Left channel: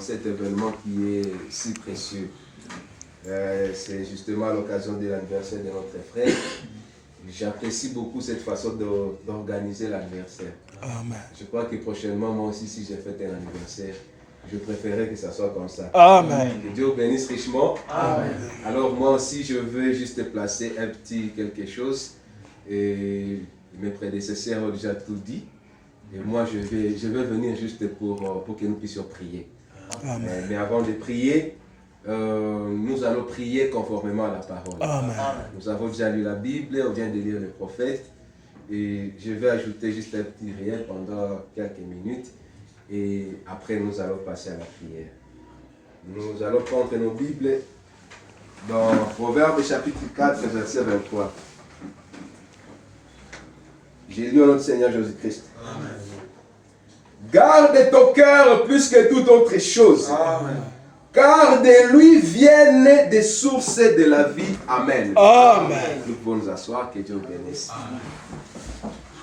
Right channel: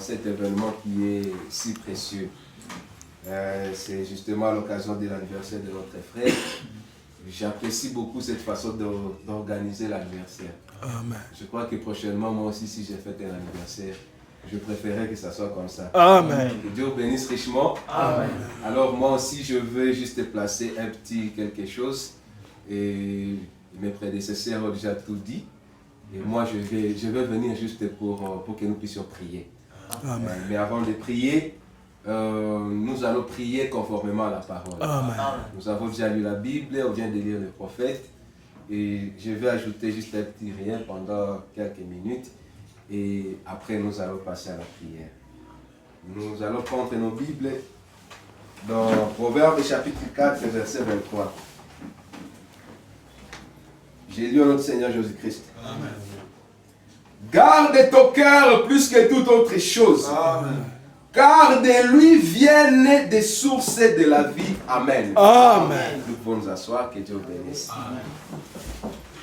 dans cet événement qui est si précieux. C'est justement à l'occasion de l'anniversaire de notre frère. J'apprécie beaucoup cette façon d'organiser l'anniversaire. Je crois que prochainement, moi aussi, si j'ai fait un anniversaire, je préférerais que ça soit comme ça. Amen. Que Dieu bénisse richement. Amen. Alors moi aussi, je veux juste placer un petit quelque chose. Et mes prédécesseurs ont déjà tout dit. Et moi, je vais venir juste pour que nous puissions prier. Amen. Mais avant de prier, nous allons prier conformément à la parole. Amen. Nous avons déjà lu la Bible, on vient de lire le prophète. Et je vais ajouter juste un petit rien pendant quelques minutes. Et après, nous allons passer à la prière. Nous allons prendre nos Bibles dans Proverbes chapitre 4, verset 23. J'ai lu notre Seigneur Jésus-Christ. Garde ton cœur plus que toute autre chose. Amen. Car de lui viennent des sources de la vie. Amen. Amen. Nous pouvons nous asseoir, que Dieu bénisse.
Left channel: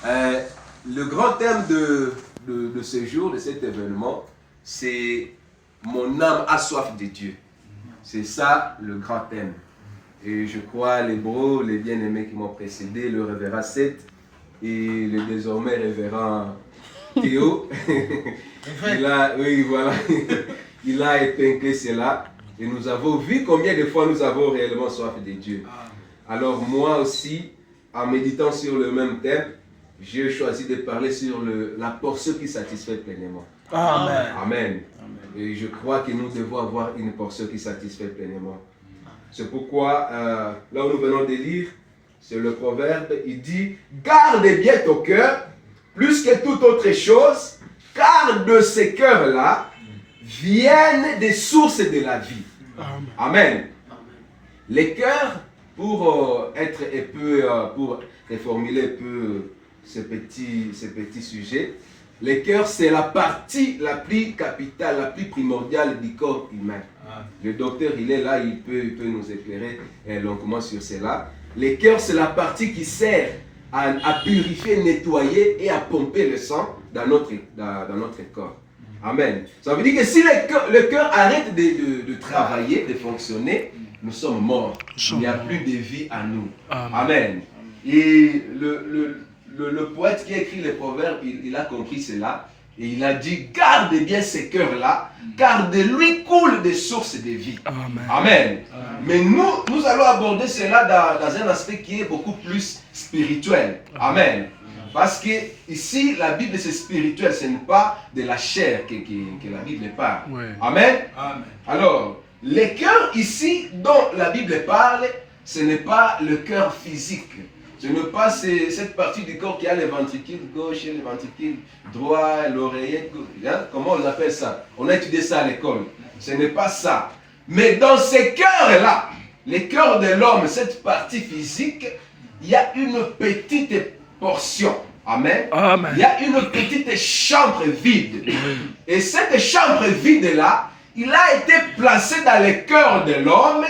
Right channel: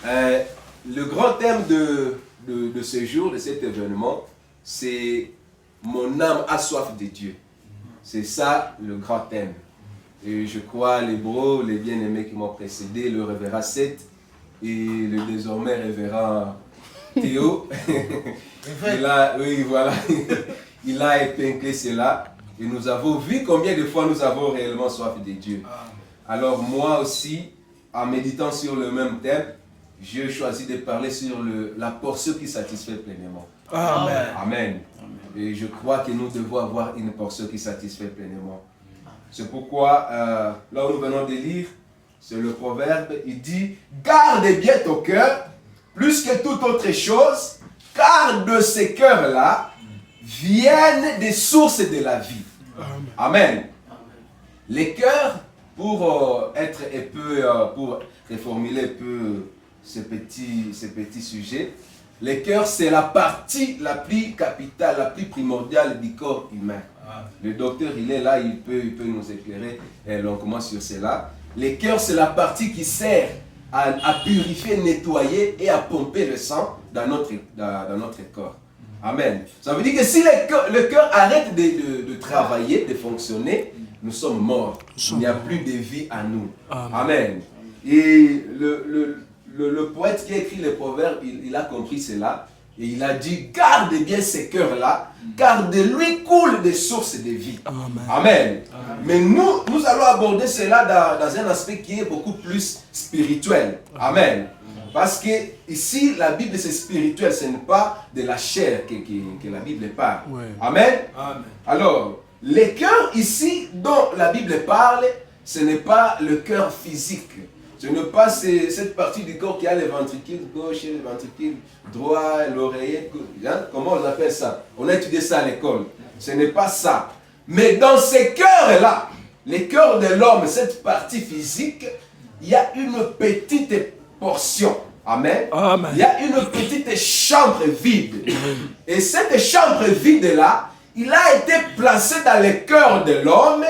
Le grand thème de ce jour, de cet événement, c'est mon âme a soif de Dieu. C'est ça le grand thème. Et je crois les bros, les bien-aimés qui m'ont précédé, le révérend Seth et le désormais révérend Théo, oui, voilà, il a épinglé cela. Et nous avons vu combien de fois nous avons réellement soif de Dieu. Alors moi aussi, en méditant sur le même thème, j'ai choisi de parler sur la portion qui satisfait pleinement. Amen. Amen. Et je crois que nous devons avoir une portion qui satisfait pleinement. C'est pourquoi, là où nous venons de lire, c'est le proverbe, il dit « Garde bien ton cœur, plus que toute autre chose, car de ces cœurs-là viennent des sources de la vie. » Amen. Les cœurs, pour être un peu, pour reformuler un peu ce petit sujet, les cœurs, c'est la partie la plus capitale, la plus primordiale du corps humain. Le docteur, il est là, il peut nous éclairer longuement sur cela. Les cœurs, c'est la partie qui sert à purifier, nettoyer et à pomper le sang dans notre corps. Amen. Ça veut dire que si le cœur arrête de travailler, de fonctionner, nous sommes morts. Il n'y a plus de vie à nous. Amen. Et le poète qui a écrit les proverbes, il a compris cela. Et il a dit, garde bien ces cœurs-là, car de lui coulent des sources de vie. Amen. Amen. Mais nous allons aborder cela dans un aspect qui est beaucoup plus spirituel. Amen. Parce que ici, la Bible, c'est spirituel, ce n'est pas de la chair que la Bible parle. Amen. Amen. Alors, les cœurs ici dont la Bible parle, ce n'est pas le cœur physique. Ce n'est pas cette partie du corps qui a les ventricules gauche et les ventricules droit, l'oreillette, comment on appelle ça? On a étudié ça à l'école. Ce n'est pas ça. Mais dans ces cœurs-là, les cœurs de l'homme, cette partie physique, il y a une petite portion. Amen. Amen. Il y a une petite chambre vide. Et cette chambre vide-là, il a été placé dans le cœur de l'homme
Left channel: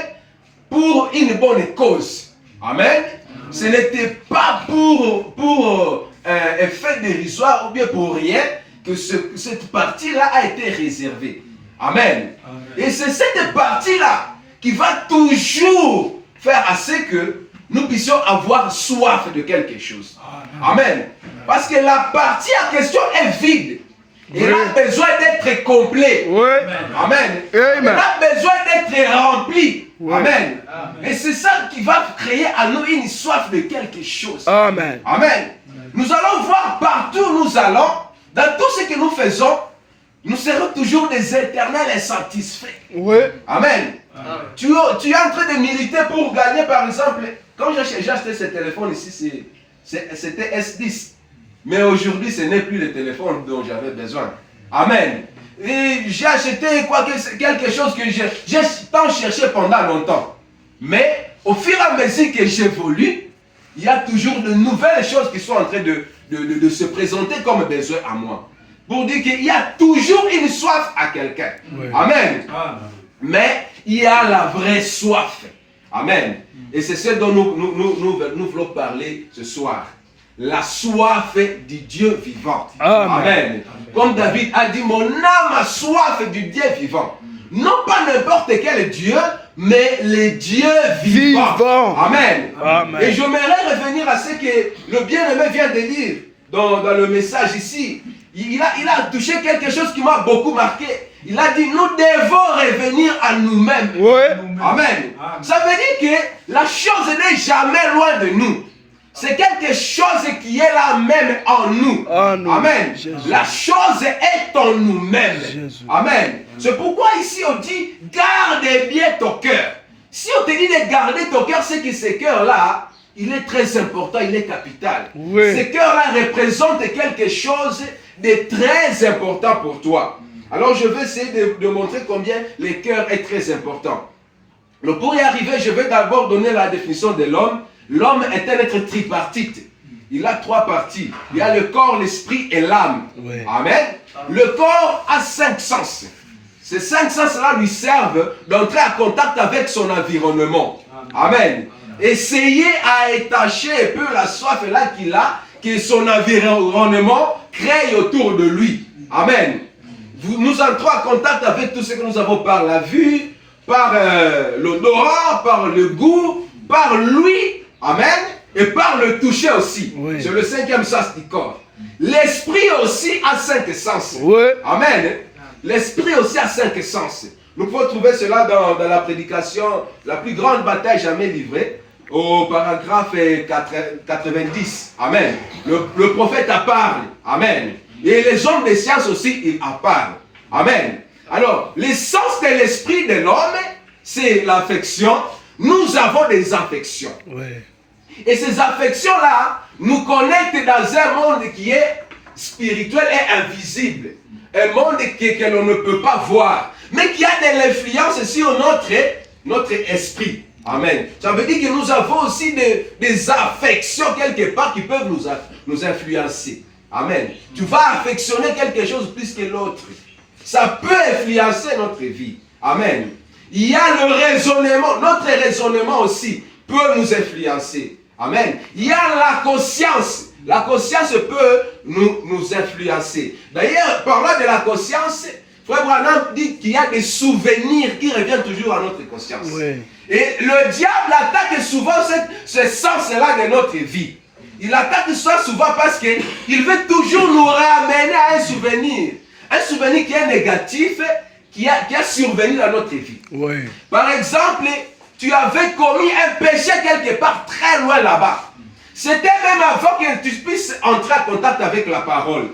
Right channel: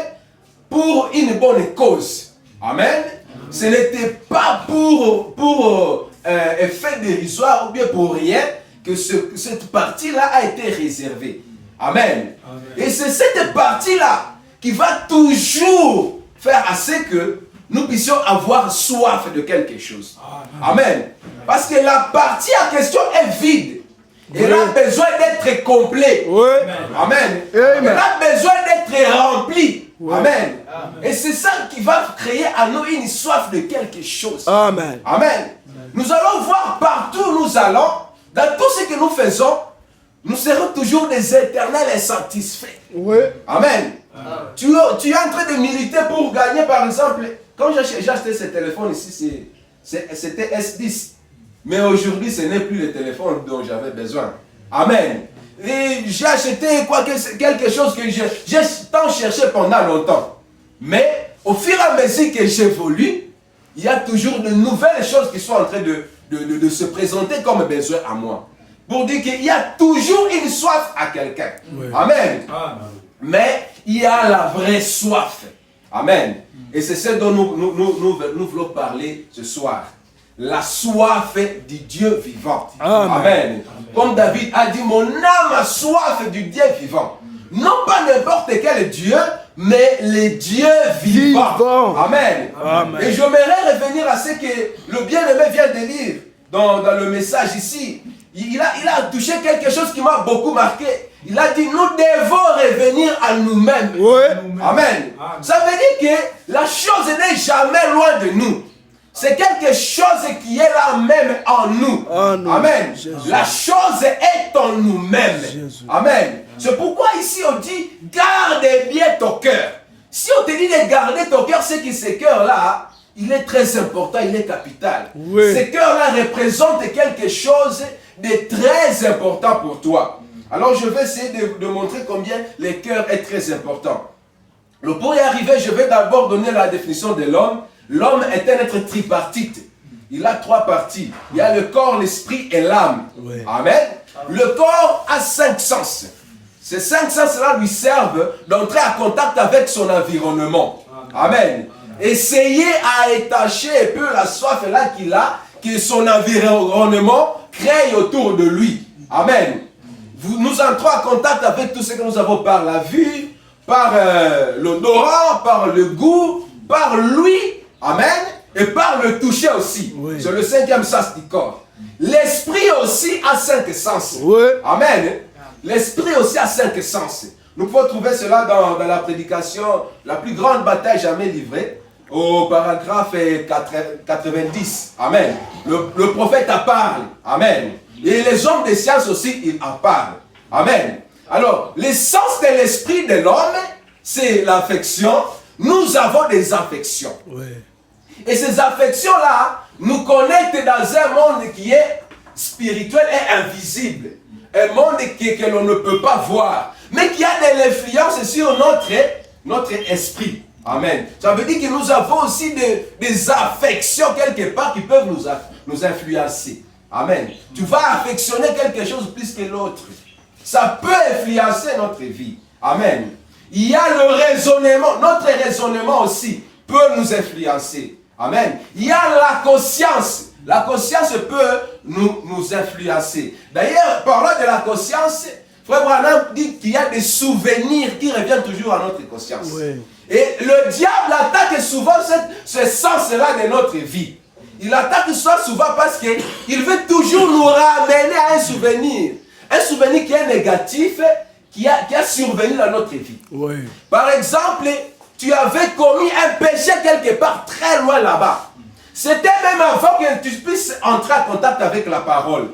pour une bonne cause. Amen. Ce n'était pas pour effet dérisoire ou bien pour rien que cette partie-là a été réservée. Amen. Amen. Et c'est cette partie-là qui va toujours faire assez que nous puissions avoir soif de quelque chose. Amen. Amen. Parce que la partie en question est vide. Elle a besoin d'être complet. Amen. Elle a besoin d'être remplie. Amen. Et c'est ça qui va créer à nous une soif de quelque chose. Amen. Amen. Nous allons voir partout où nous allons, dans tout ce que nous faisons, nous serons toujours des éternels insatisfaits. Amen. Tu es en train de militer pour gagner, par exemple, quand j'ai acheté ce téléphone ici, c'était S10. Mais aujourd'hui, ce n'est plus le téléphone dont j'avais besoin. Amen. Et j'ai acheté quelque chose que j'ai tant cherché pendant longtemps. Mais au fur et à mesure que j'évolue, il y a toujours de nouvelles choses qui sont en train de se présenter comme besoin à moi. Pour dire qu'il y a toujours une soif à quelqu'un. Amen. Mais il y a la vraie soif. Amen. Et c'est ce dont nous voulons parler ce soir. la soif du Dieu vivant. Amen. Amen. Comme David a dit, mon âme a soif du Dieu vivant. Non pas n'importe quel Dieu, mais les dieux vivants. Amen. Amen. Et j'aimerais revenir à ce que le bien-aimé vient de dire dans le message ici. Il a touché quelque chose qui m'a beaucoup marqué. Il a dit, nous devons revenir à nous-mêmes. Oui. Amen. Ça veut dire que la chose n'est jamais loin de nous. C'est quelque chose qui est là même en nous. Amen. Jésus. La chose est en nous-mêmes. Amen. C'est pourquoi ici on dit, garde bien ton cœur. Si on te dit de garder ton cœur, c'est que ce cœur-là, il est très important, il est capital. Oui. Ce cœur-là représente quelque chose de très important pour toi. Alors je vais essayer de montrer combien le cœur est très important. Pour y arriver, je vais d'abord donner la définition de l'homme. L'homme est un être tripartite. Il a 3 parties. Il y a le corps, l'esprit et l'âme. Oui. Amen. Le corps a 5 sens. Ces 5 sens-là lui servent d'entrer en contact avec son environnement. Amen. Essayez à étacher un peu la soif là qu'il a, que son environnement crée autour de lui. Amen. Nous entrons en contact avec tout ce que nous avons par la vue, par l'odorat, par le goût, par l'ouïe. Amen. Et par le toucher aussi. Oui. C'est le 5e sens du corps. L'esprit aussi a 5 sens. Oui. Amen. L'esprit aussi a 5 sens. Nous pouvons trouver cela dans la prédication, la plus grande bataille jamais livrée, au paragraphe 90. Amen. Le prophète en parle. Amen. Et les hommes de science aussi, ils en parlent. Amen. Alors, l'essence de l'esprit de l'homme, c'est l'affection. Nous avons des affections. Oui. Et ces affections-là nous connectent dans un monde qui est spirituel et invisible. Un monde que l'on ne peut pas voir, mais qui a de l'influence sur notre esprit. Amen. Ça veut dire que nous avons aussi des affections quelque part qui peuvent nous influencer. Amen. Tu vas affectionner quelque chose plus que l'autre. Ça peut influencer notre vie. Amen. Il y a le raisonnement. Notre raisonnement aussi peut nous influencer. Amen. Il y a la conscience. La conscience peut nous influencer. D'ailleurs, parlant de la conscience, Frère Branham dit qu'il y a des souvenirs qui reviennent toujours à notre conscience. Oui. Et le diable attaque souvent ce sens-là de notre vie. Il attaque ça souvent parce qu'il veut toujours nous ramener à un souvenir. Un souvenir qui est négatif, qui a survenu dans notre vie. Oui. Par exemple, tu avais commis un péché quelque part très loin là-bas. C'était même avant que tu puisses entrer en contact avec la parole.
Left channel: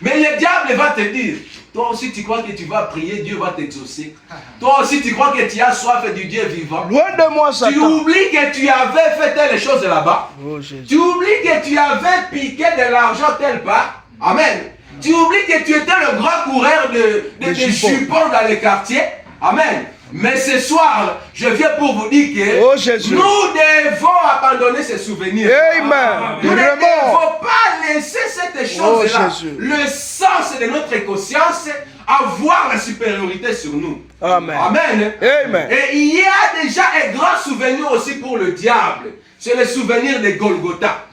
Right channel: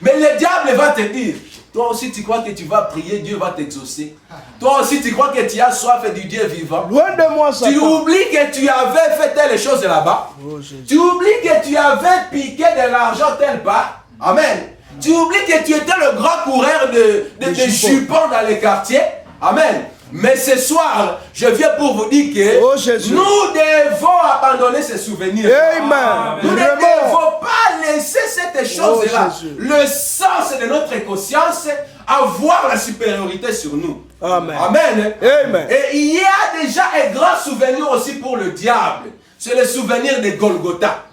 Mais le diable va te dire, toi aussi tu crois que tu vas prier, Dieu va t'exaucer. Toi aussi tu crois que tu as soif du Dieu vivant. Loin de moi, Satan. Tu oublies que tu avais fait telle chose là-bas. Oh, Jésus. Tu oublies que tu avais piqué de l'argent telle part. Amen. Tu oublies que tu étais le grand coureur de jupons dans les quartiers. Amen. Mais ce soir, je viens pour vous dire que oh, Jésus. Nous devons abandonner ces souvenirs. Amen. Nous ne devons pas laisser cette chose-là, Jésus. le sens de notre conscience, avoir la supériorité sur nous. Amen. Amen. Amen. Et il y a déjà un grand souvenir aussi pour le diable. C'est le souvenir de Golgotha.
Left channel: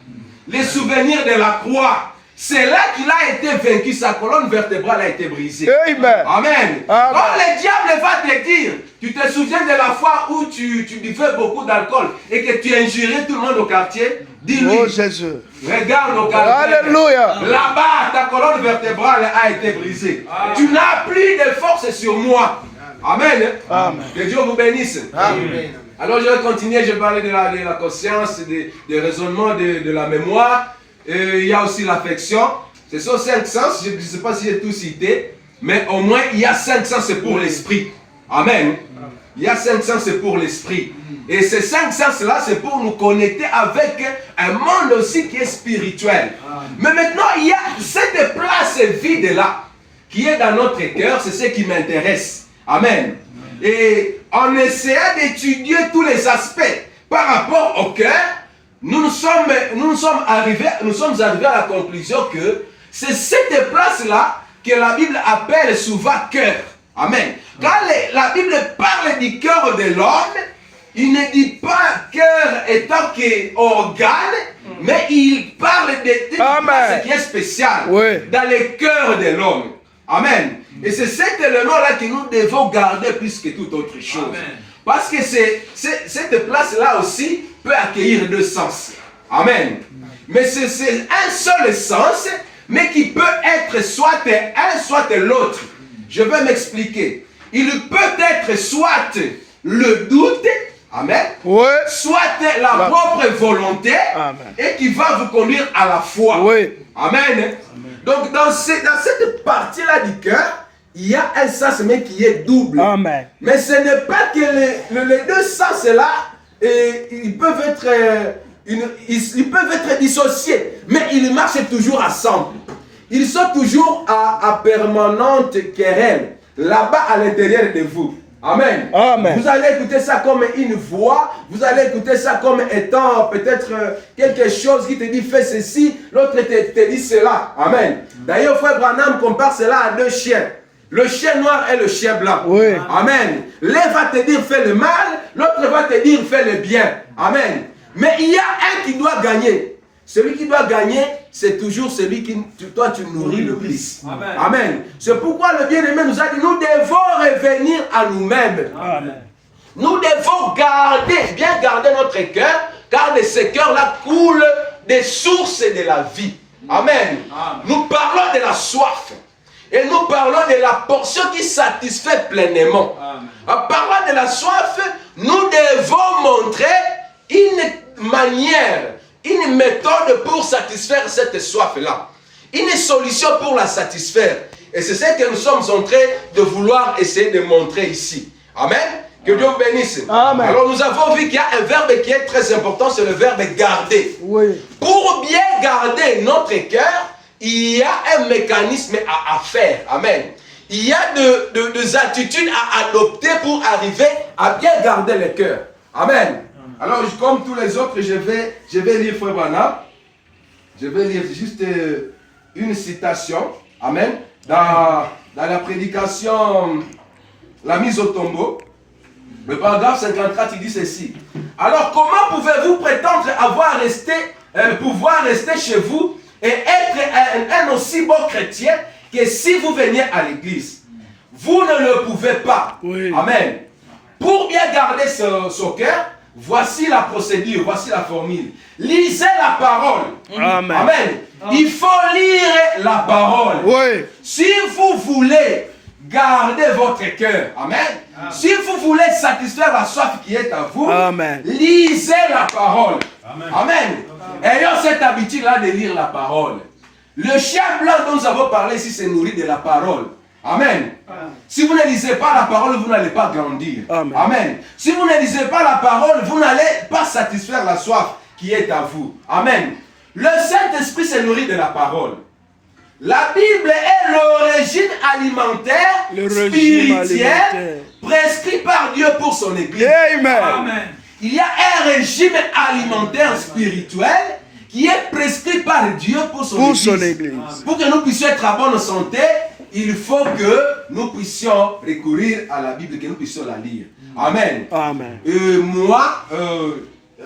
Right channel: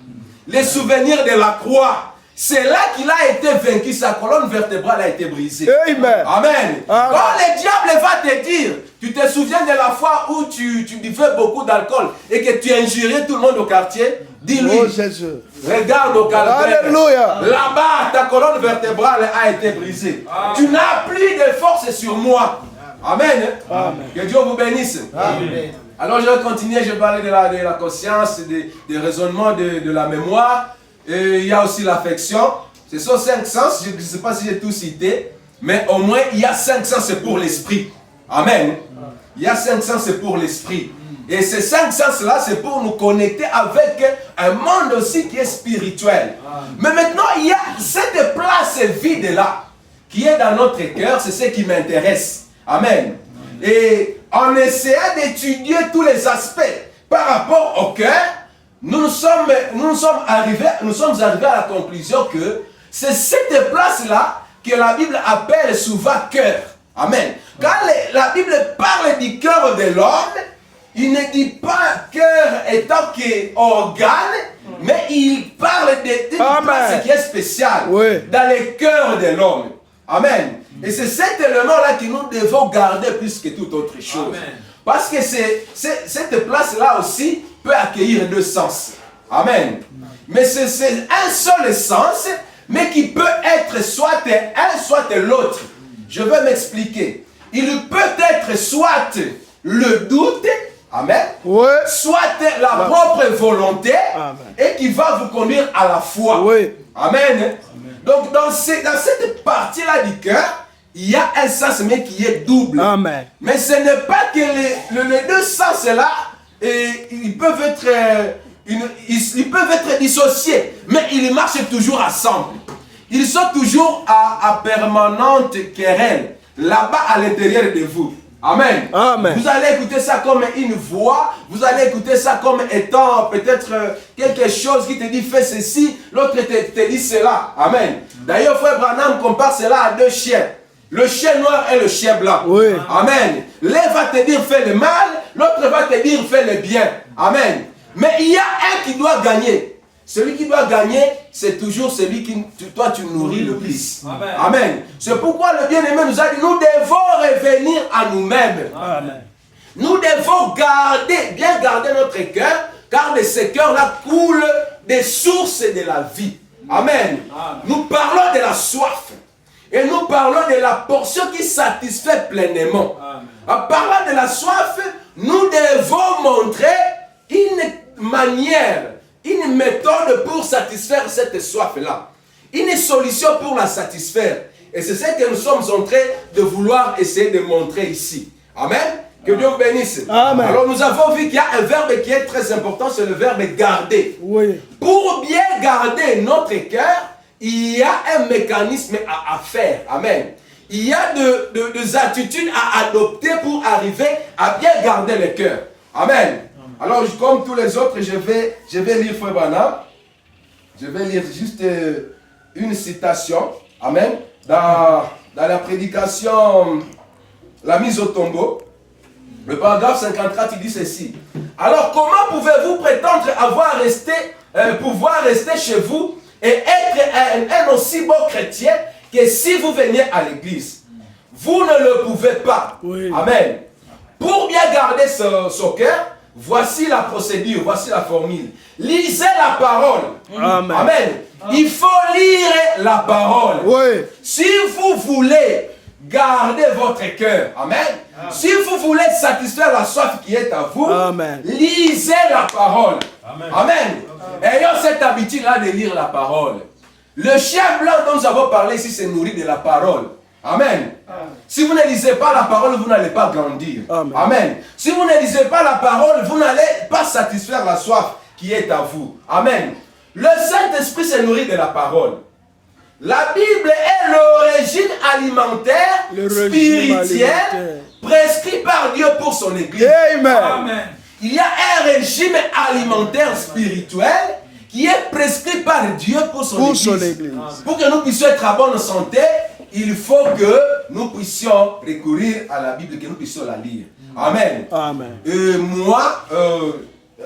Le souvenir de la croix. C'est là qu'il a été vaincu, sa colonne vertébrale a été brisée. Amen. Amen. Amen. Quand le diable va te dire, tu te souviens de la fois où tu buvais beaucoup d'alcool et que tu injuriais tout le monde au quartier, dis-lui, Oh, Jésus. regarde au quartier. Alléluia. Là-bas, ta colonne vertébrale a été brisée. Tu n'as plus de force sur moi. Amen. Amen. Que Dieu vous bénisse. Amen. Alors je vais continuer, je vais parler de la conscience, des raisonnements, de la mémoire. Et il y a aussi l'affection. Ce sont 5 sens, je ne sais pas si j'ai tout cité, mais au moins il y a 5 sens pour l'esprit. Amen. Il y a 5 sens pour l'esprit. Et ces 5 sens-là, c'est pour nous connecter avec un monde aussi qui est spirituel. Mais maintenant, il y a cette place vide-là qui est dans notre cœur, c'est ce qui m'intéresse. Amen. Et en essayant d'étudier tous les aspects par rapport au cœur, nous sommes arrivés à la conclusion que c'est cette place-là que la Bible appelle souvent cœur. Amen. Quand la Bible parle du cœur de l'homme, il ne dit pas cœur étant qu'organe, Mais il parle d'une place qui est spéciale dans le cœur de l'homme. Amen. Et c'est cet élément-là que nous devons garder plus que toute autre chose. Amen. Parce que cette place-là aussi peut accueillir deux sens. Amen. Mais c'est un seul sens, mais qui peut être soit un, soit l'autre. Je vais m'expliquer. Il peut être soit le doute, amen, soit la propre volonté, et qui va vous conduire à la foi. Amen. Donc dans cette partie-là du cœur, il y a un sens mais qui est double. Amen. Mais ce n'est pas que les deux sens-là, ils peuvent être dissociés, mais ils marchent toujours ensemble. Ils sont toujours à permanente querelle, là-bas à l'intérieur de vous. Amen. Amen. Vous allez écouter ça comme une voix, vous allez écouter ça comme étant peut-être quelque chose qui te dit fais ceci, l'autre te dit cela. Amen. D'ailleurs, frère Branham compare cela à deux chiens. Le chien noir et le chien blanc. Oui. Amen. L'un va te dire fais le mal, l'autre va te dire fais le bien. Amen. Mais il y a un qui doit gagner. Celui qui doit gagner, c'est toujours celui qui toi tu nourris le plus. Amen. Amen. C'est pourquoi le bien-aimé nous a dit, nous devons revenir à nous-mêmes. Amen. Nous devons bien garder notre cœur, car de ce cœur-là coulent des sources de la vie. Amen. Amen. Nous parlons de la soif. Et nous parlons de la portion qui satisfait pleinement. Amen. En parlant de la soif, nous devons montrer une manière, une méthode pour satisfaire cette soif-là. Une solution pour la satisfaire. Et c'est ce que nous sommes en train de vouloir essayer de montrer ici. Amen. Que Dieu vous bénisse. Amen. Alors nous avons vu qu'il y a un verbe qui est très important, c'est le verbe garder. Oui. Pour bien garder notre cœur, il y a un mécanisme à faire. Amen. Il y a des attitudes à adopter pour arriver à bien garder le cœur. Amen. Alors, comme tous les autres, je vais lire Frère Branham. Je vais lire juste une citation. Amen. Dans la prédication, la mise au tombeau, le paragraphe 54, il dit ceci. Alors, comment pouvez-vous prétendre pouvoir rester chez vous et être un aussi bon chrétien que si vous veniez à l'église? Vous ne le pouvez pas. Oui. Amen. Pour bien garder son cœur, voici la procédure, voici la formule. Lisez la parole. Amen. Amen. Il faut lire la parole. Oui. Si vous voulez garder votre cœur, amen. Amen. Si vous voulez satisfaire la soif qui est à vous, amen, lisez la parole. Amen. Amen. Ayons cette habitude-là de lire la parole. Le chien blanc dont nous avons parlé ici, c'est nourri de la parole. Amen. Amen. Si vous ne lisez pas la parole, vous n'allez pas grandir. Amen. Amen. Si vous ne lisez pas la parole, vous n'allez pas satisfaire la soif qui est à vous. Amen. Le Saint-Esprit se nourrit de la parole. La Bible est l'origine alimentaire spirituelle prescrite par Dieu pour son Église. Amen. Amen. Il y a un régime alimentaire spirituel qui est prescrit par Dieu pour son Église. Pour que nous puissions être à bonne santé, il faut que nous puissions recourir à la Bible, que nous puissions la lire. Amen. Amen. Moi,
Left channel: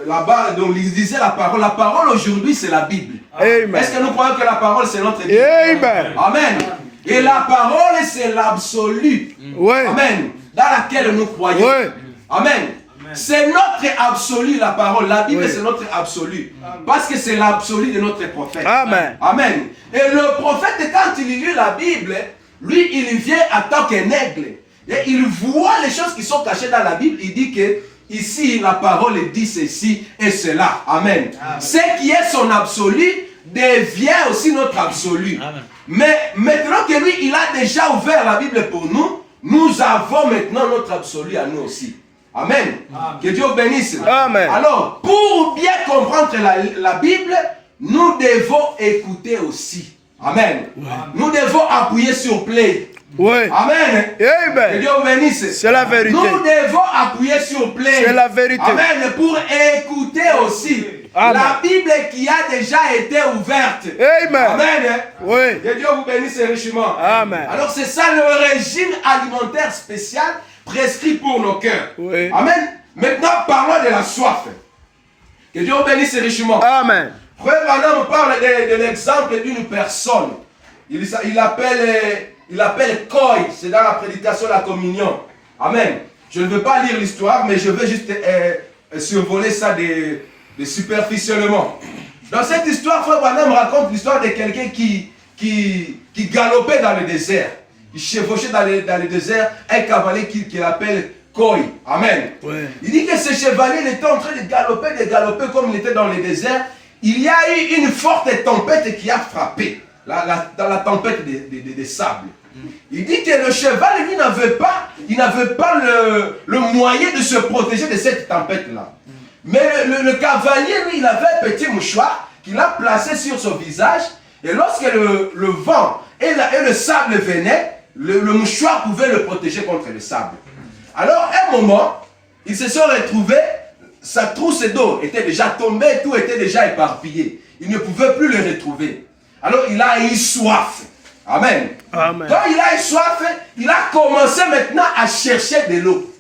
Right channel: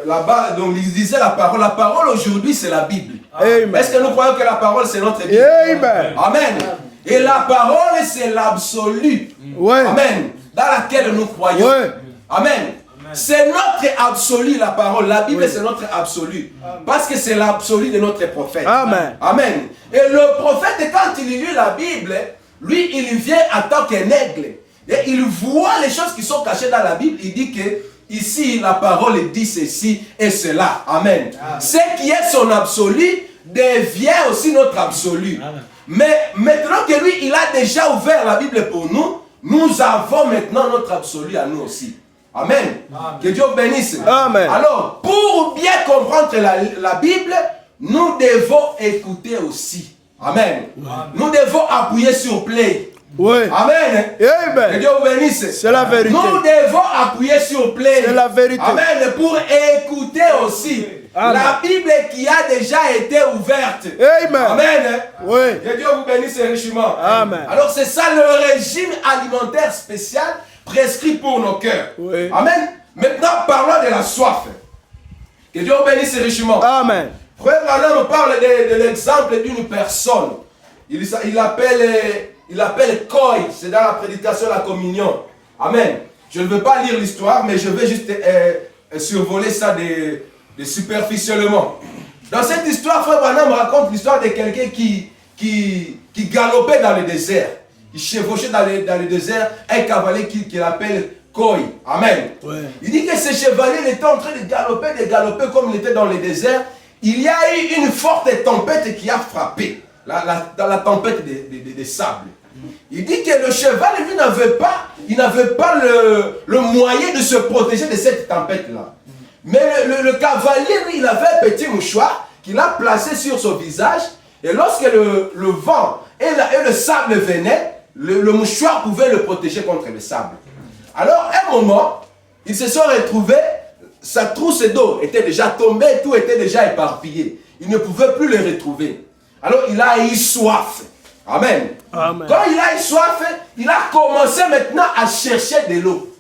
là-bas, donc il disait la parole aujourd'hui c'est la Bible. Amen. Est-ce que nous croyons que la parole c'est notre Bible? Amen. Amen. Et la parole c'est l'absolu. Ouais. Amen. Dans laquelle nous croyons. Ouais. Amen. C'est notre absolu, la parole. La Bible, oui, c'est notre absolu. Amen. Parce que c'est l'absolu de notre prophète. Amen. Amen. Et le prophète, quand il lit la Bible, lui, il vient en tant qu'un aigle. Et il voit les choses qui sont cachées dans la Bible. Il dit que ici, la parole dit ceci et cela. Amen. Amen. Ce qui est son absolu devient aussi notre absolu. Amen. Mais maintenant que lui, il a déjà ouvert la Bible pour nous, nous avons maintenant notre absolu à nous aussi. Amen. Amen. Que Dieu vous bénisse. Amen. Alors, pour bien comprendre la Bible, nous devons écouter aussi. Amen. Ouais. Nous devons appuyer sur play. Ouais. Amen. Amen. Que Dieu vous bénisse. C'est la vérité. Nous devons appuyer sur play. C'est la vérité. Amen. Pour écouter aussi. Amen. La Bible qui a déjà été ouverte. Amen. Amen. Oui. Que Dieu vous bénisse richement. Amen. Alors c'est ça le régime alimentaire spécial prescrit pour nos cœurs. Oui. Amen. Maintenant parlons de la soif. Que Dieu vous bénisse richement. Amen. Frère Branham parle de l'exemple d'une personne. Il appelle Coy, c'est dans la prédication de la communion. Amen. Je ne veux pas lire l'histoire, mais je vais juste survoler ça de superficiellement. Dans cette histoire, Frère Branham raconte l'histoire de quelqu'un qui galopait dans le désert. Il chevauchait dans le désert un cavalier qu'il appelle Coy. Amen. Ouais. Il dit que ce chevalier était en train de galoper comme il était dans le désert. Il y a eu une forte tempête qui a frappé dans la tempête des sables. Il dit que le cheval, lui, n'avait pas le moyen de se protéger de cette tempête-là. Mais le cavalier, lui, il avait un petit mouchoir qu'il a placé sur son visage. Et lorsque le vent et le sable venaient, le mouchoir pouvait le protéger contre le sable. Alors, à un moment, ils se sont retrouvés, sa trousse d'eau était déjà tombée, tout était déjà éparpillé. Il ne pouvait plus le retrouver. Alors, il a eu soif. Amen. Amen. Quand il a eu soif, il a commencé maintenant à chercher de l'eau.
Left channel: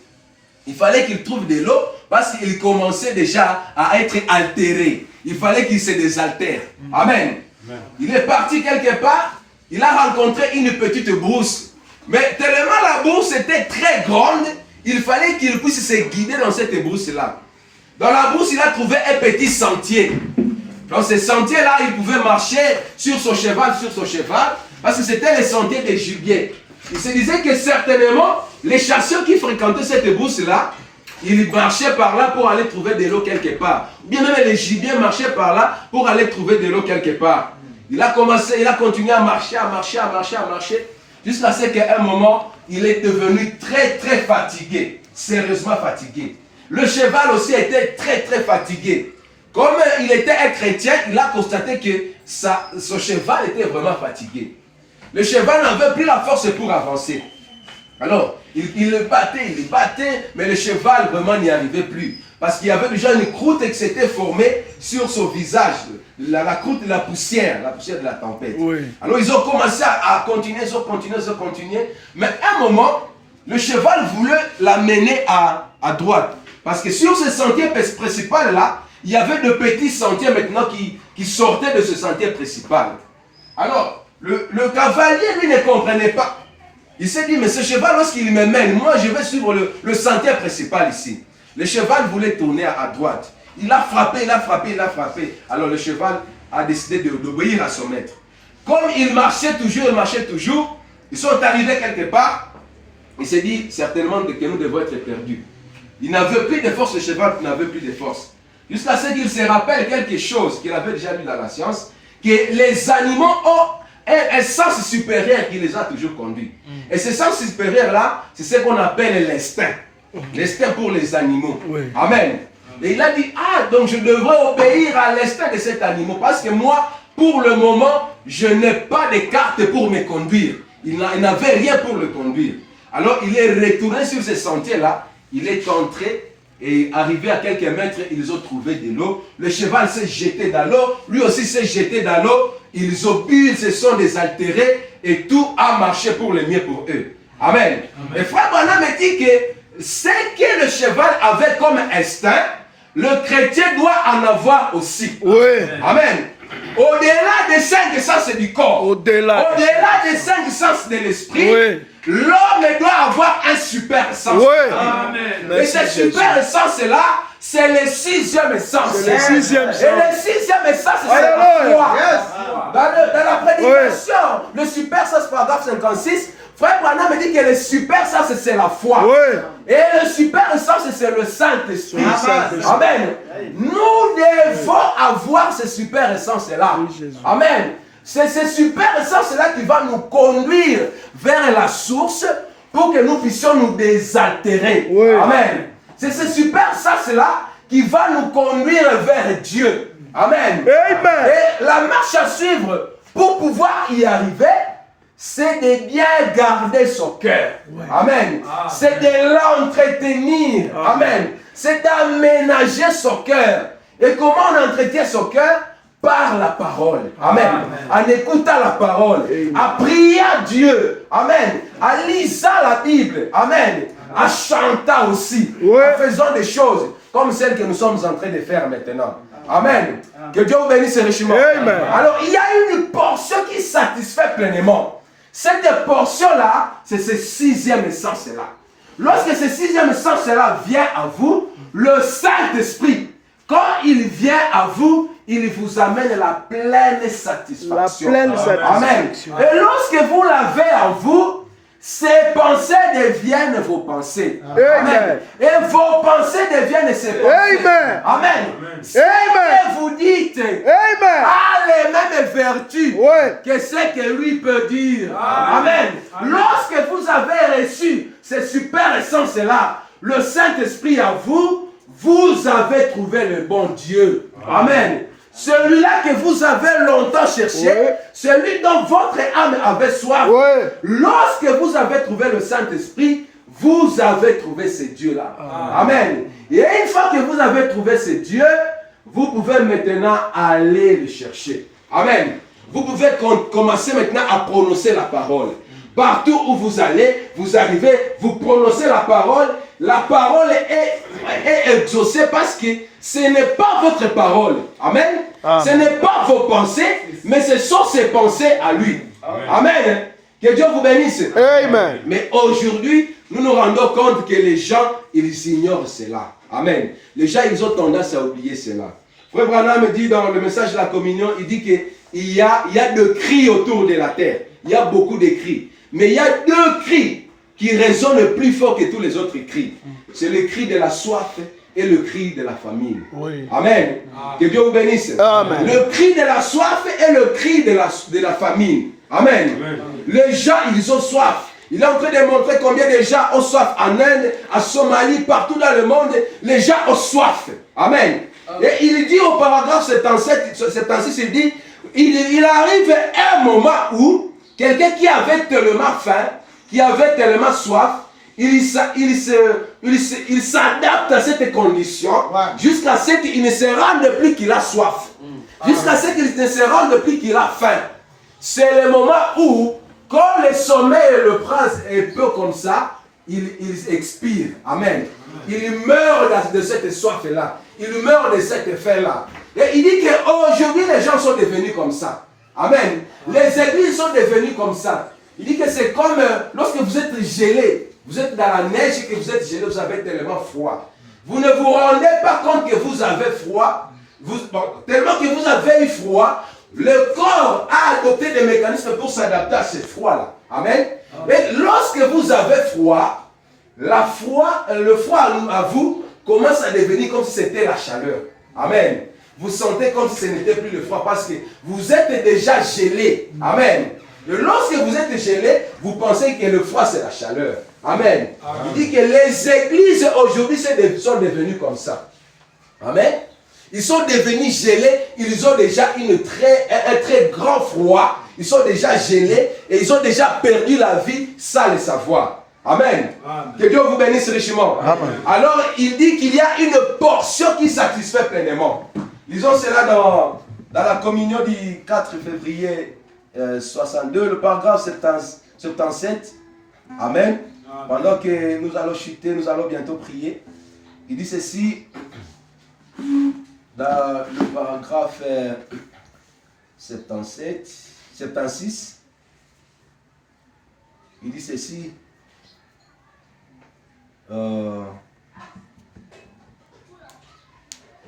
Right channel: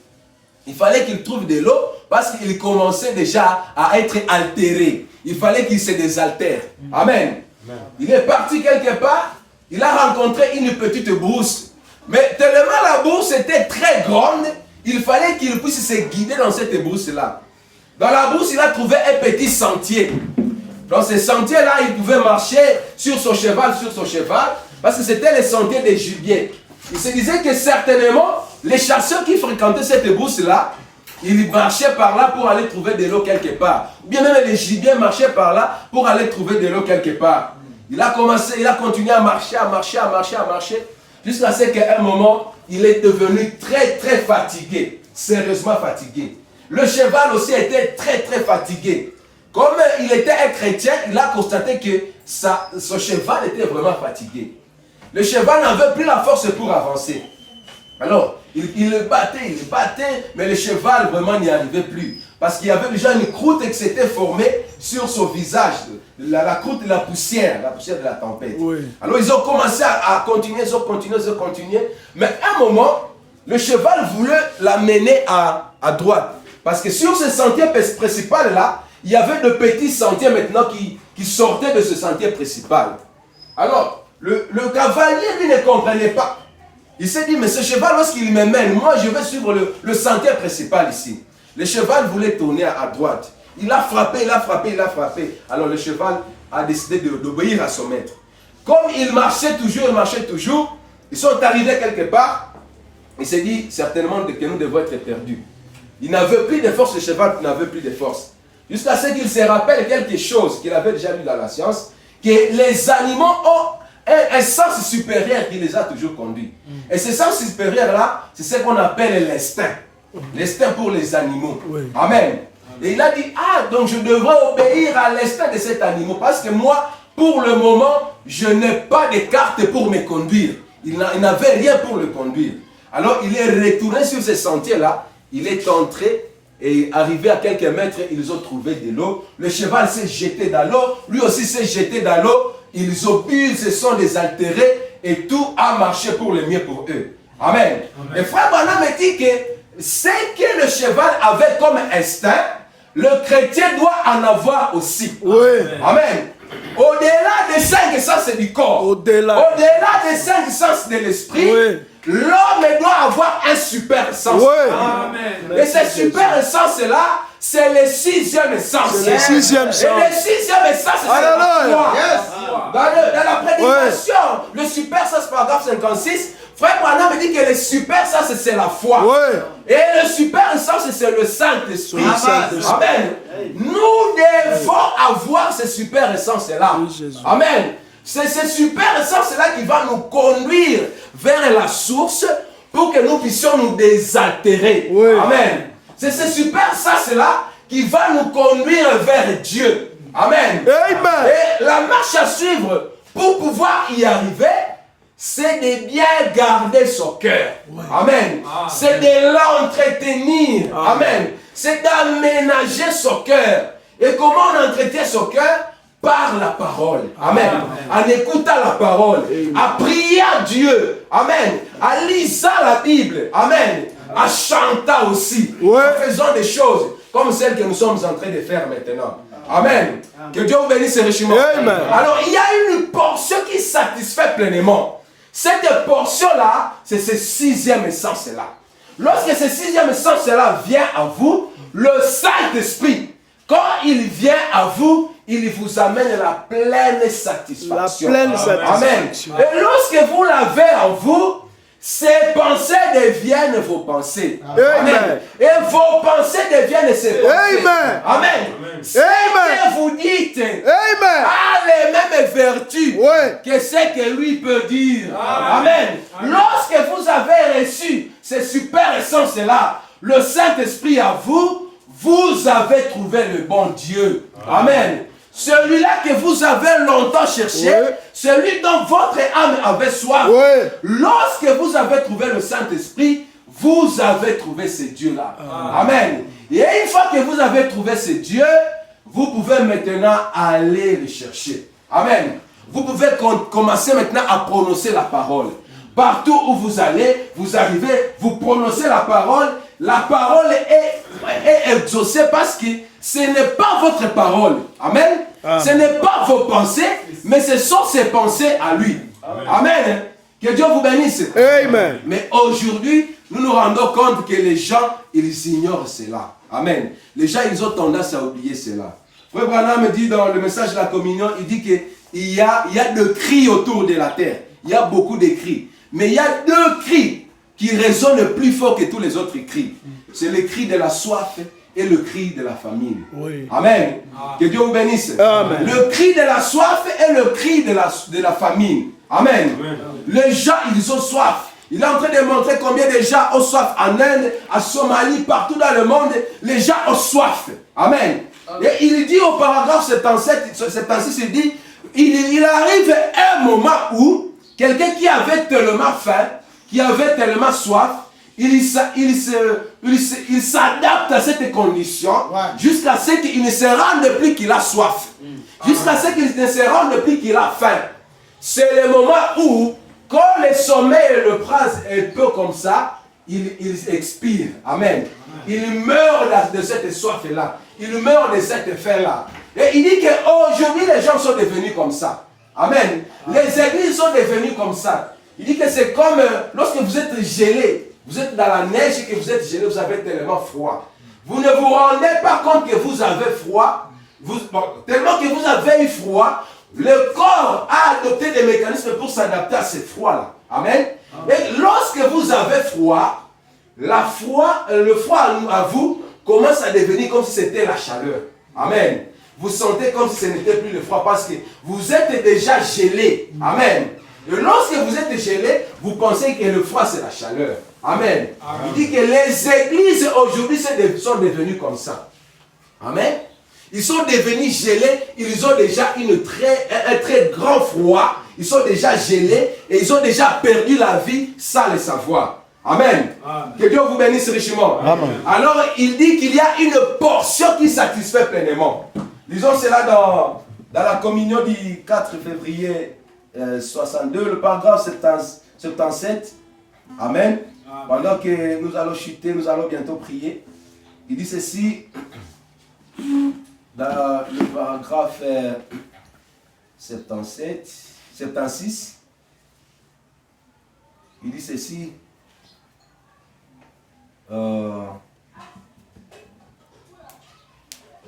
Il fallait qu'il trouve de l'eau parce qu'il commençait déjà à être altéré. Il fallait qu'il se désaltère. Amen. Amen. Il est parti quelque part, il a rencontré une petite brousse. Mais tellement la brousse était très grande, il fallait qu'il puisse se guider dans cette brousse-là. Dans la brousse, il a trouvé un petit sentier. Dans ce sentier-là, il pouvait marcher sur son cheval, parce que c'était le sentier des gibiers. Il se disait que certainement, les chasseurs qui fréquentaient cette brousse-là, ils marchaient par là pour aller trouver de l'eau quelque part. Ou bien même les gibiers marchaient par là pour aller trouver de l'eau quelque part. Il a continué à marcher, jusqu'à ce qu'à un moment, il est devenu très très fatigué, sérieusement fatigué. Le cheval aussi était très très fatigué. Comme il était un chrétien, il a constaté que son cheval était vraiment fatigué. Le cheval n'avait plus la force pour avancer. Alors, il le battait, mais le cheval vraiment n'y arrivait plus. Parce qu'il y avait déjà une croûte qui s'était formée sur son visage. La croûte de la poussière de la tempête. Oui. Alors, ils ont commencé à continuer. Mais à un moment, le cheval voulait l'amener à droite. Parce que sur ce sentier principal-là, il y avait de petits sentiers maintenant qui sortaient de ce sentier principal. Alors, le cavalier, lui, ne comprenait pas. Il s'est dit, mais ce cheval, lorsqu'il me mène, moi, je vais suivre le sentier principal ici. Le cheval voulait tourner à droite. Il a frappé. Alors, le cheval a décidé d'obéir à son maître. Comme il marchait toujours, ils sont arrivés quelque part. Il s'est dit, certainement, que nous devons être perdus. Il n'avait plus de force, le cheval n'avait plus de force. Jusqu'à ce qu'il se rappelle quelque chose qu'il avait déjà lu dans la science, que les animaux ont un sens supérieur qui les a toujours conduits. Et ce sens supérieur-là, c'est ce qu'on appelle l'instinct. L'instinct pour les animaux. Oui. Amen. Et il a dit, donc je devrais obéir à l'instinct de cet animal. Parce que moi, pour le moment, je n'ai pas de carte pour me conduire. Il n'avait rien pour le conduire. Alors il est retourné sur ce sentier-là. Il est entré et arrivé à quelques mètres, ils ont trouvé de l'eau. Le cheval s'est jeté dans l'eau. Lui aussi s'est jeté dans l'eau. Ils ont bu, ils se sont désaltérés et tout a marché pour le mieux pour eux. Amen. Amen. Et frère Branham dit que ce que le cheval avait comme instinct, le chrétien doit en avoir aussi. Oui. Amen. Au-delà des cinq sens du corps, au-delà des cinq sens de l'esprit, oui, l'homme doit avoir un super sens. Oui. Amen. Et ce super sens-là, c'est le sixième sens. C'est le sixième sens. Et le sixième sens, c'est la foi. Yes. Dans la prédication, oui, le super sens, paragraphe 56, frère Branham dit que le super sens, c'est la foi. Oui. Et le super sens, c'est le Saint-Esprit. Amen. Nous devons avoir ce super sens-là. Oui, amen. C'est ce super sens-là qui va nous conduire vers la source pour que nous puissions nous désaltérer. Oui. Amen. C'est ce super sens-là qui va nous conduire vers Dieu. Amen. Amen. Et la marche à suivre pour pouvoir y arriver, c'est de bien garder son cœur. Ouais. Amen. C'est de l'entretenir. Amen. C'est d'aménager son cœur. Et comment on entretient son cœur? Par la parole. Amen. Amen. En écoutant la parole. Amen. En priant Dieu. Amen. En lisant la Bible. Amen. En chantant aussi. Ouais. En faisant des choses comme celles que nous sommes en train de faire maintenant. Amen. Que Dieu vous bénisse richement. Amen. Alors, il y a une portion qui satisfait pleinement. Cette portion-là, c'est ce sixième essence-là. Lorsque ce sixième essence-là vient à vous, le Saint-Esprit, quand il vient à vous, il vous amène la pleine satisfaction. La pleine satisfaction. Amen. Et lorsque vous l'avez en vous, ces pensées deviennent vos pensées. Amen. Et vos pensées deviennent ses pensées. Amen. Amen. Ce Amen. que vous dites Amen. a les mêmes vertus Ouais. que ce que lui peut dire. Amen. Lorsque vous avez reçu ces super essences-là, le Saint-Esprit à vous, vous avez trouvé le bon Dieu. Amen. Celui-là que vous avez longtemps cherché, celui dont votre âme avait soif. Lorsque vous avez trouvé le Saint-Esprit, vous avez trouvé ce Dieu-là. Amen. Et une fois que vous avez trouvé ce Dieu, vous pouvez maintenant aller le chercher. Amen. Vous pouvez commencer maintenant à prononcer la parole. Partout où vous allez, vous arrivez, vous prononcez la parole. La parole est exaucée parce que ce n'est pas votre parole. Amen. Ce n'est pas vos pensées, mais ce sont ses pensées à lui. Amen. Que Dieu vous bénisse. Amen. Mais aujourd'hui, nous nous rendons compte que les gens, ils ignorent cela. Amen. Les gens, ils ont tendance à oublier cela. Frère Branham dit dans le message de la communion, il dit qu'il y a de cris autour de la terre. Il y a beaucoup de cris. Mais il y a deux cris qui résonnent plus fort que tous les autres cris. C'est le cri de la soif et le cri de la famine. Oui. Amen. Que Dieu vous bénisse. Amen. Le cri de la soif et le cri de la famine. Amen. Les gens, ils ont soif. Il est en train de montrer combien de gens ont soif en Inde, en Somalie, partout dans le monde. Les gens ont soif. Amen. Et il dit au paragraphe 76, il dit, il arrive un moment où quelqu'un qui avait tellement faim, qui avait tellement soif, il s'adapte à cette condition jusqu'à ce qu'il ne se rende plus qu'il a soif. Jusqu'à ce qu'il ne se rende plus qu'il a faim. C'est le moment où, quand le sommeil le prend un peu comme ça, il expire. Amen. Il meurt de cette soif-là. Il meurt de cette faim-là. Et il dit qu'aujourd'hui, les gens sont devenus comme ça. Amen. Les églises sont devenues comme ça. Il dit que c'est comme lorsque vous êtes gelé, vous êtes dans la neige et que vous êtes gelé, vous avez tellement froid. Vous ne vous rendez pas compte que vous avez froid. Tellement que vous avez eu froid, le corps a adopté des mécanismes pour s'adapter à ce froid-là. Amen. Et lorsque vous avez froid, le froid à vous commence à devenir comme si c'était la chaleur. Amen. Vous sentez comme si ce n'était plus le froid parce que vous êtes déjà gelé. Amen. Et lorsque vous êtes gelé, vous pensez que le froid c'est la chaleur. Amen. Il dit que les églises aujourd'hui sont devenues comme ça. Amen. Ils sont devenus gelés, ils ont déjà un très grand froid, ils sont déjà gelés et ils ont déjà perdu la vie sans le savoir. Amen. Que Dieu vous bénisse richement. Amen. Alors il dit qu'il y a une portion qui satisfait pleinement. Lisons cela dans la communion du 4 février 62, le paragraphe 77. Amen. Pendant que nous allons chuter, nous allons bientôt prier. Il dit ceci dans le paragraphe 76. Il dit ceci.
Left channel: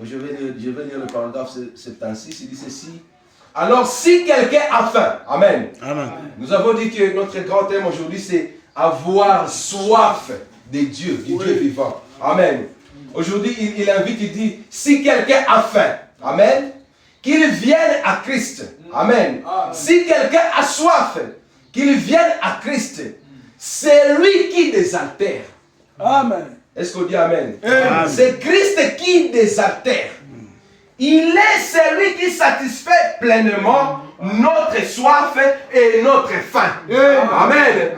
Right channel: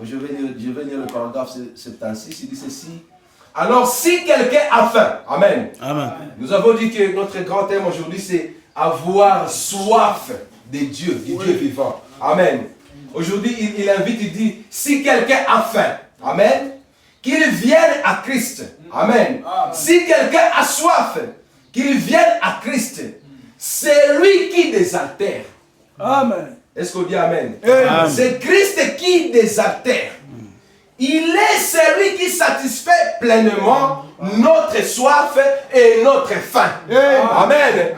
Je vais lire le paragraphe 76. Il dit ceci. Alors, si quelqu'un a faim, amen. Amen. Nous avons dit que notre grand thème aujourd'hui, c'est avoir soif de Dieu, du Dieu vivant. Amen. Aujourd'hui, il invite, il dit, si quelqu'un a faim, amen, qu'il vienne à Christ. Amen. Si quelqu'un a soif, qu'il vienne à Christ. C'est lui qui désaltère. Amen. Est-ce qu'on dit amen? Amen. C'est Christ qui désaltère. Il est celui qui satisfait pleinement notre soif et notre faim. Amen.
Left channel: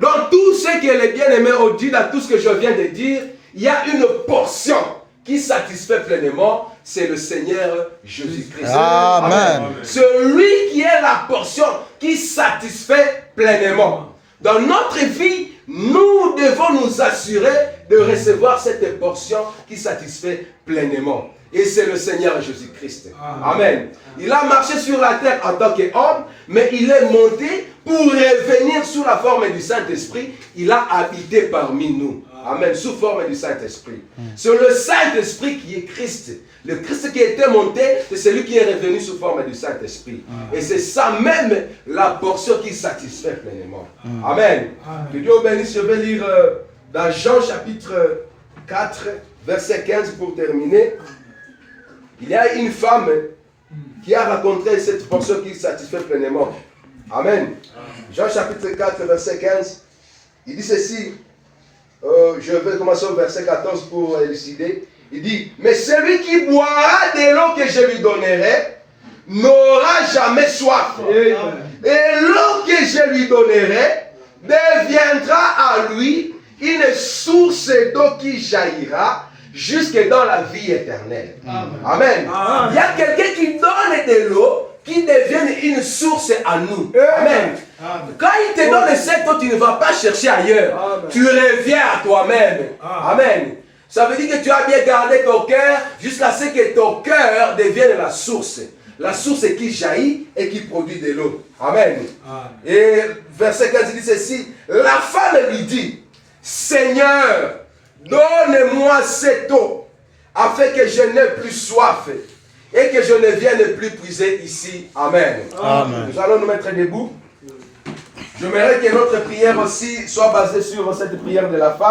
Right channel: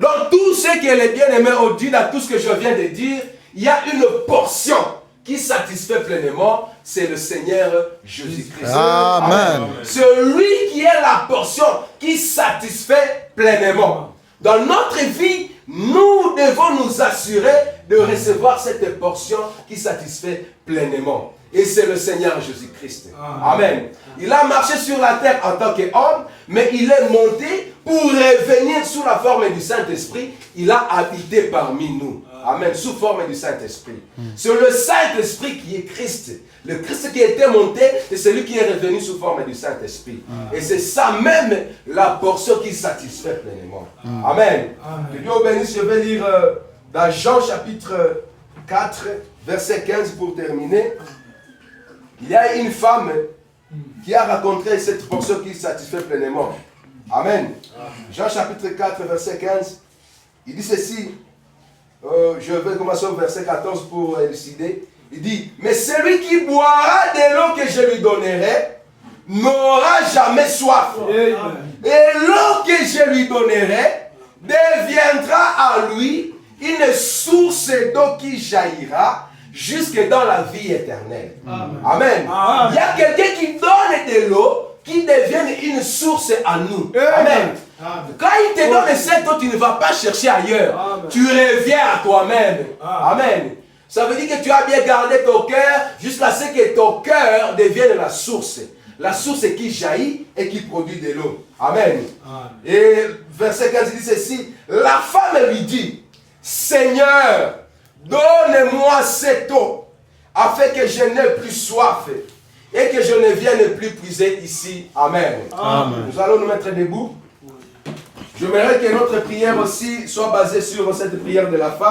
Donc tout ce que les bien-aimés ont dit, dans tout ce que je viens de dire, il y a une portion qui satisfait pleinement, c'est le Seigneur Jésus-Christ. Amen. Celui qui est la portion qui satisfait pleinement. Dans notre vie, nous devons nous assurer de recevoir cette portion qui satisfait pleinement. Et c'est le Seigneur Jésus-Christ. Amen. Il a marché sur la terre en tant qu'homme, mais il est monté pour revenir sous la forme du Saint-Esprit. Il a habité parmi nous. Amen. Sous forme du Saint-Esprit. C'est le Saint-Esprit qui est Christ. Le Christ qui était monté, c'est celui qui est revenu sous forme du Saint-Esprit. Et c'est ça même la portion qui satisfait pleinement. Amen. Que Dieu vous bénisse. Je vais lire dans Jean chapitre 4, verset 15 pour terminer. Il y a une femme qui a raconté cette portion qui satisfait pleinement. Amen. Jean chapitre 4, verset 15. Il dit ceci. Je vais commencer au verset 14 pour élucider. Il dit, mais celui qui boira de l'eau que je lui donnerai n'aura jamais soif. Et l'eau que je lui donnerai deviendra à lui une source d'eau qui jaillira jusque dans la vie éternelle. Amen. Il y a quelqu'un qui donne de l'eau qui devient une source à nous. Amen. Quand il te donne cette eau, tu ne vas pas chercher ailleurs. Tu reviens à toi-même. Amen. Ça veut dire que tu as bien gardé ton cœur jusqu'à ce que ton cœur devienne la source. La source qui jaillit et qui produit de l'eau. Amen. Et verset 15 dit ceci. La femme lui dit, Seigneur, donne-moi cette eau afin que je n'ai plus soif et que je ne vienne plus puiser ici. Amen. Amen. Nous allons nous mettre debout. J'aimerais que notre prière aussi soit basée sur cette prière de la femme.